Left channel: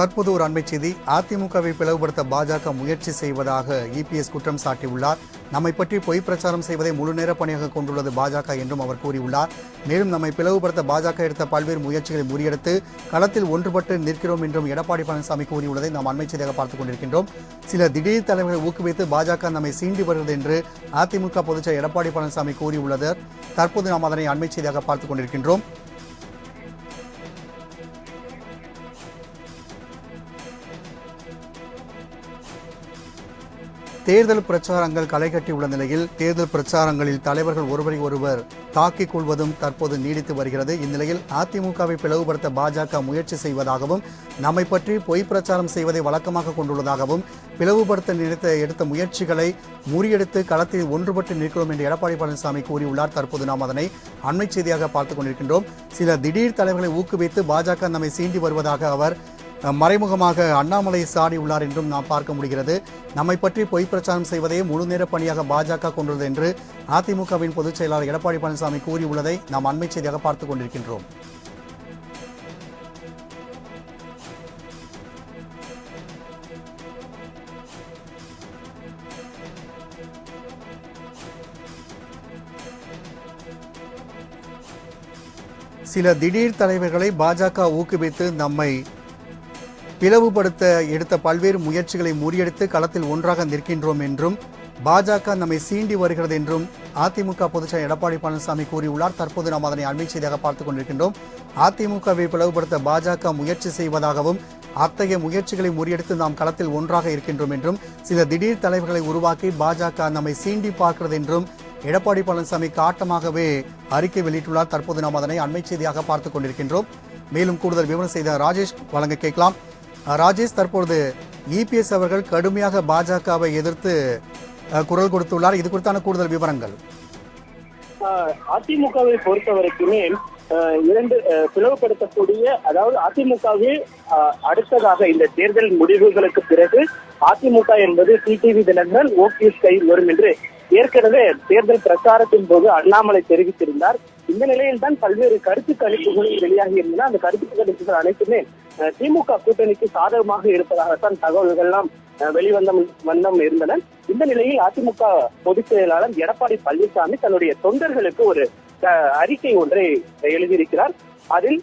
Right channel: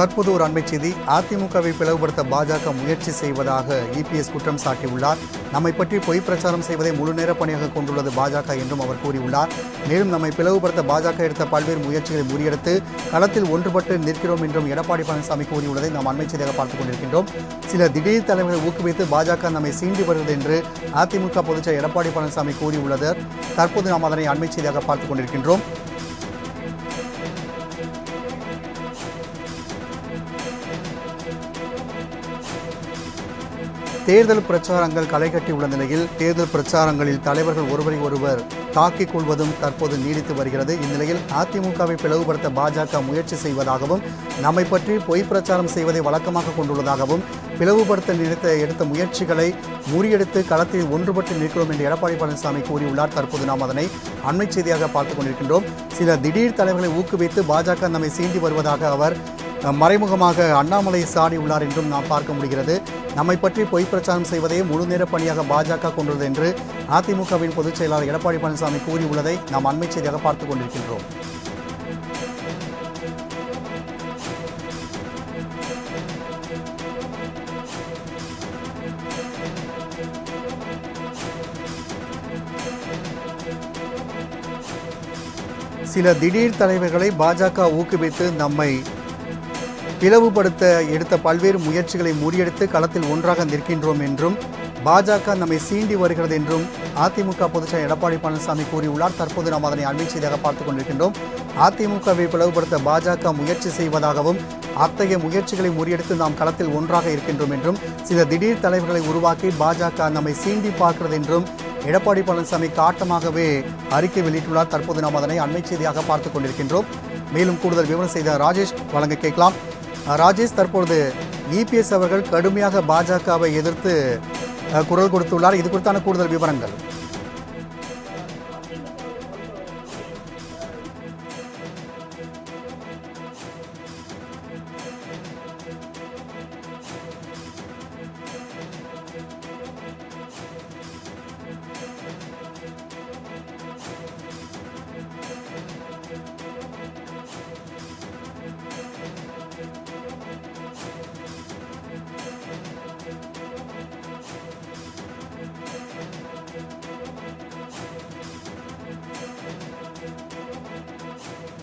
தற்போது ஒரு அண்மை செய்தி. அதிமுகவை பிளவுபடுத்த பாஜக முயற்சி செய்வதாக இபிஎஸ் குற்றம் சாட்டியுள்ளார். நம்மை பற்றி பொய் பிரச்சாரம் செய்வதை முழு நேர பணியாக கொண்டுள்ளது பாஜக என்றும் அவர் கூறியுள்ளார். மேலும் நம்மை பிளவுபடுத்த பாஜக எடுத்த பல்வேறு முயற்சிகளை முறியடித்து களத்தில் ஒன்றுபட்டு நிற்கிறோம் என்றும் எடப்பாடி பழனிசாமி கூறியுள்ளதை நாம் அண்மை செய்தியாக பார்த்துக் கொண்டிருக்கின்றோம். சில திடீர் தலைவர்களை ஊக்குவித்து பாஜக நம்மை சீண்டி வருகிறது என்று அதிமுக பொதுச்செயலர் எடப்பாடி பழனிசாமி கூறியுள்ளது. தற்போது நாம் அதனை அண்மை செய்தியாக பார்த்துக் கொண்டிருக்கின்றோம். தேர்தல் பிரச்சாரங்கள் களை கட்டியுள்ள நிலையில் தேர்தல் பிரச்சாரங்களில் தலைவர்கள் ஒருவரை ஒருவர் தாக்கிக் கொள்வதும் தற்போது நீடித்து வருகிறது. இந்நிலையில் அதிமுகவை பிளவுபடுத்த பாஜக முயற்சி செய்வதாகவும் நம்மை பற்றி பொய் பிரச்சாரம் செய்வதை வழக்கமாக கொண்டுள்ளதாகவும் பிளவுபடுத்த எடுத்த முயற்சிகளை முறியடித்து களத்தில் ஒன்றுபட்டு நிற்கிறோம் என்று எடப்பாடி பழனிசாமி கூறியுள்ளார். தற்போது நாம் அதனை அண்மை செய்தியாக பார்த்துக் கொண்டிருக்கின்றோம். சில திடீர் தலைவர்களை ஊக்குவித்து பாஜக நம்மை சீண்டி வருவதாக அவர் மறைமுகமாக அண்ணாமலை சாடியுள்ளார் என்றும் நாம் பார்க்க முடிகிறது. நம்மை பற்றி பொய் பிரச்சாரம் செய்வதையே முழு நேர பணியாக பாஜக கொண்டுள்ளது என்று அதிமுகவின் பொதுச் செயலாளர் எடப்பாடி பழனிசாமி கூறியுள்ளதை நாம் அண்மை செய்தியாக பார்த்துக் கொண்டிருக்கின்றோம். சில திடீர் தலைவர்களை பாஜக ஊக்குவித்து நம்மை பிளவுபடுத்த எடுத்த பல்வேறு முயற்சிகளை முறியடித்து களத்தில் ஒன்றாக நிற்கின்றோம் என்றும் பாஜக நம்மை சீண்டி வருகிறது என்றும் அதிமுக பொதுச்செயலர் எடப்பாடி பழனிசாமி கூறியுள்ளார். தற்போது நாம் அதனை அண்மை செய்தியாக பார்த்துக் கொண்டிருக்கின்றோம். அதிமுகவை பிளவுபடுத்த பாஜக முயற்சி செய்வதாகவும் அத்தகைய முயற்சிகளை முறியடித்து நாம் களத்தில் ஒன்றாக இருக்கின்றோம் என்றும் சில திடீர் தலைவர்களை உருவாக்கி பாஜக நம்மை சீண்டி பார்க்கிறது என்றும் எடப்பாடி பழனிசாமி காட்டமாகவே அறிக்கை வெளியிட்டுள்ளார். தற்போது நாம் அதனை அண்மை செய்தியாக பார்த்துக் கொண்டிருக்கின்றோம். மேலும் கூடுதல் விவரம் செய்த ராஜேஷ் வழங்க கேட்கலாம். ராஜேஷ், தற்பொழுது இபிஎஸ் அவர்கள் கடுமையாக பாஜகவை எதிர்த்து குரல் கொடுத்துள்ளார். இது குறித்தான கூடுதல் விவரங்கள். அதிமுகவை பொறுத்தவரைக்குமே இரண்டு பிளவுபடுத்தக்கூடிய, அதாவது அதிமுகவில் அடுத்ததாக இந்த தேர்தல் முடிவுகளுக்கு பிறகு அதிமுக என்பது டிடிவி தினகரன் ஓபிஎஸ் கையில் வரும் என்று ஏற்கனவே தேர்தல் பிரச்சாரத்தின் போது அண்ணாமலை தெரிவித்திருந்தார். இந்த நிலையில் தான் பல்வேறு கருத்து கணிப்புகளும் வெளியாகி இருந்தன. அந்த கருத்து கணிப்புகள் அனைத்துமே திமுக கூட்டணிக்கு சாதகமாக இருப்பதாகத்தான் தகவல்கள்லாம் வெளிவந்தம் இருந்தன. இந்த நிலையில் அதிமுக பொதுச் செயலாளர் எடப்பாடி பழனிசாமி தன்னுடைய தொண்டர்களுக்கு ஒரு அறிக்கை ஒன்றை எழுதியிருக்கிறார். அதில்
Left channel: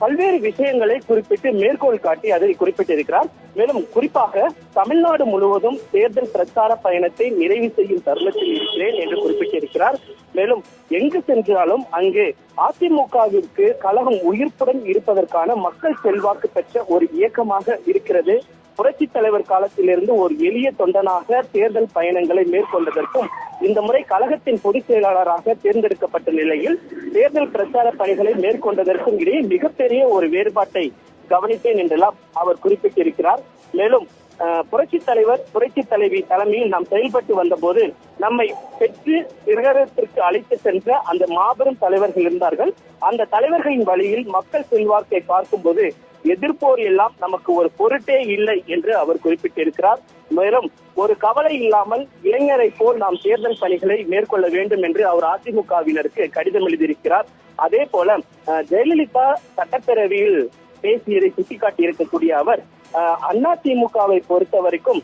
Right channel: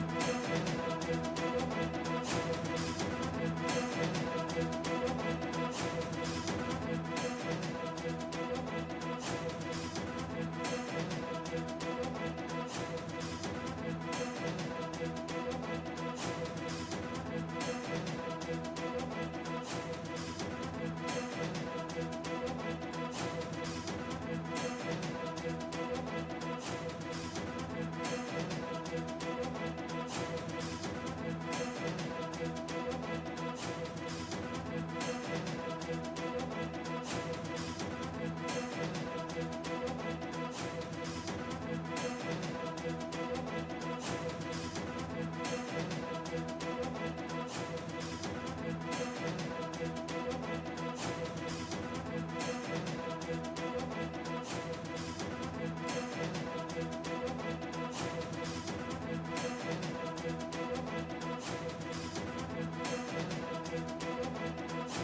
பல்வேறு விஷயங்களை குறிப்பிட்டு மேற்கோள் காட்டி அதை குறிப்பிட்டிருக்கிறார். மேலும் குறிப்பாக தமிழ்நாடு முழுவதும் தேர்தல் பிரச்சார பயணத்தை நிறைவு செய்யும் தருணத்தில் இருக்கிறேன் என்று குறிப்பிட்டிருக்கிறார். மேலும் எங்கு சென்றாலும் அங்கே அதிமுகவிற்கு கழகம் உயிர்ப்புடன் இருப்பதற்கான மக்கள் செல்வாக்கு பெற்ற ஒரு இயக்கமாக இருக்கிறது. புரட்சித் தலைவர் காலத்திலிருந்து ஒரு எளிய தொண்டனாக தேர்தல் பயணங்களை மேற்கொண்டதற்கும் இந்த முறை கழகத்தின் பொதுச் செயலாளராக தேர்ந்தெடுக்கப்பட்ட நிலையில் தேர்தல் பிரச்சார பணிகளை மேற்கொண்டதற்கும் இடையே மிகப்பெரிய ஒரு வேறுபாட்டை கவனிப்பேன் என்றெல்லாம் அவர் குறிப்பிட்டிருக்கிறார். மேலும் புரட்சி தலைவர் புரட்சி தலைவி தலைமையில் நாம் செயல்பட்டு வந்த போது நம்மை பெற்று சிகரத்திற்கு அழைத்து சென்ற அந்த மாபெரும் தலைவர்கள் இருந்தார்கள். அந்த தலைவர்களின் வழியில் மக்கள் செல்வாக்கை பார்க்கும்போது எதிர்ப்போர் எல்லாம் நமக்கு ஒரு பொருட்டே இல்லை என்று அவர் குறிப்பிட்டிருக்கிறார். மேலும் ஒரு கவலை இல்லாமல் இளைஞரை போல் நாம் தேர்தல் பணிகளை மேற்கொள்ள வேண்டும் என்று அவர் அதிமுகவினருக்கு கடிதம் எழுதியிருக்கிறார். அதே போல ஜெயலலிதா சட்டப்பேரவையில் பேசியதை சுட்டிக்காட்டி இருக்கக்கூடிய அவர் அதிமுகவை பொறுத்த வரைக்கும்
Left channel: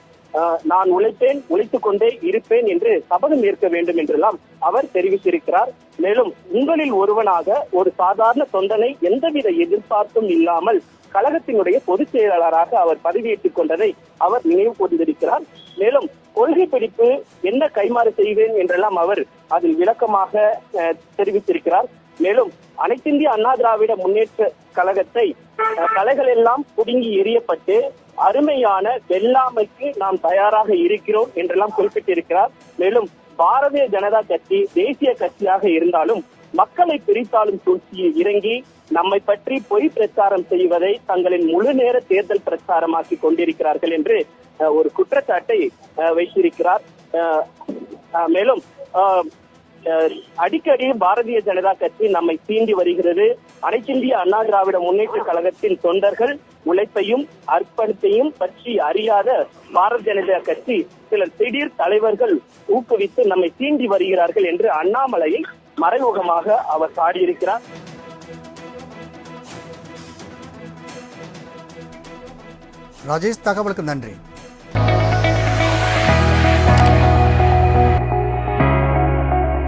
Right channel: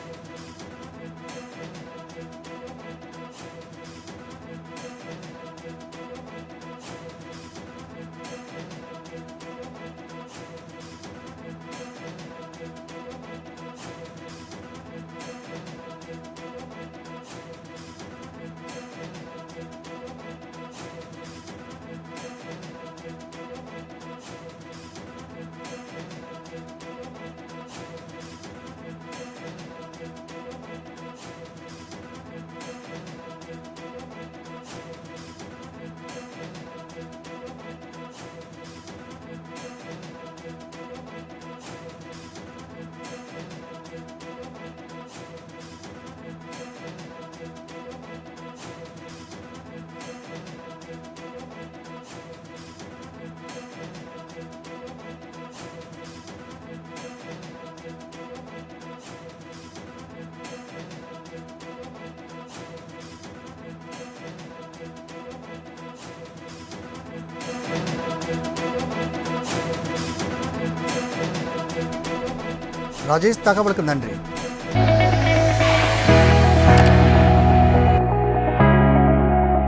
நான் உழைத்துக் கொண்டே இருப்பேன் என்று சபதம் ஏற்க வேண்டும் என்றெல்லாம் அவர் தெரிவித்திருக்கிறார். மேலும் உங்களில் ஒருவனாக ஒரு சாதாரண தொண்டனை எந்தவித எதிர்பார்ப்பும் இல்லாமல் கழகத்தினுடைய பொதுச் செயலாளராக அவர் பதவியேற்றுக் கொண்டதை அவர் நினைவு கூர்ந்திருக்கிறார். மேலும் கொள்கை பிடிப்பு என்ன கைமாறு செய்வேன் என்றெல்லாம் அவர் அதில் விளக்கமாக தெரிவித்திருக்கிறார். மேலும் அனைத்திந்திய அண்ணா திராவிட முன்னேற்ற கழகத்தை கலைகள் எல்லாம் புடுங்கி எறியப்பட்டு அருமையான வெள்ளாமைக்கு நாம் தயாராக இருக்கிறோம் என்றெல்லாம் குறிப்பிட்டிருக்கிறார். மேலும் பாரதிய ஜனதா கட்சி தேசிய கட்சியாக இருந்தாலும் மக்களை பிரித்தாலும் சூழ்ச்சியில் இறங்கி நம்மை பற்றி பொய் பிரச்சாரம் செய்வதை தங்களின் முழு நேர தேர்தல் பிரச்சாரமாக்கி கொண்டிருக்கிறார்கள் என்று ஒரு குற்றச்சாட்டை வைத்திருக்கிறார். மேலும் அடிக்கடி பாரதிய ஜனதா கட்சி நம்மை சீண்டி வருகிறது. அனைத்திந்திய அண்ணா திராவிட முன்னேற்ற கழகத்தின் தொண்டர்கள் உழைப்பையும் அர்ப்பணிப்பையும் பற்றி அறியாத பாரதிய ஜனதா கட்சி சில திடீர் தலைவர்கள் ஊக்குவித்து நம்மை சீண்டி வருகிறார்கள் என்று அண்ணாமலையை மறைமுகமாக அவர் சாடியிருக்கிறார். ராஜேஷ், தகவலுக்கு நன்றி.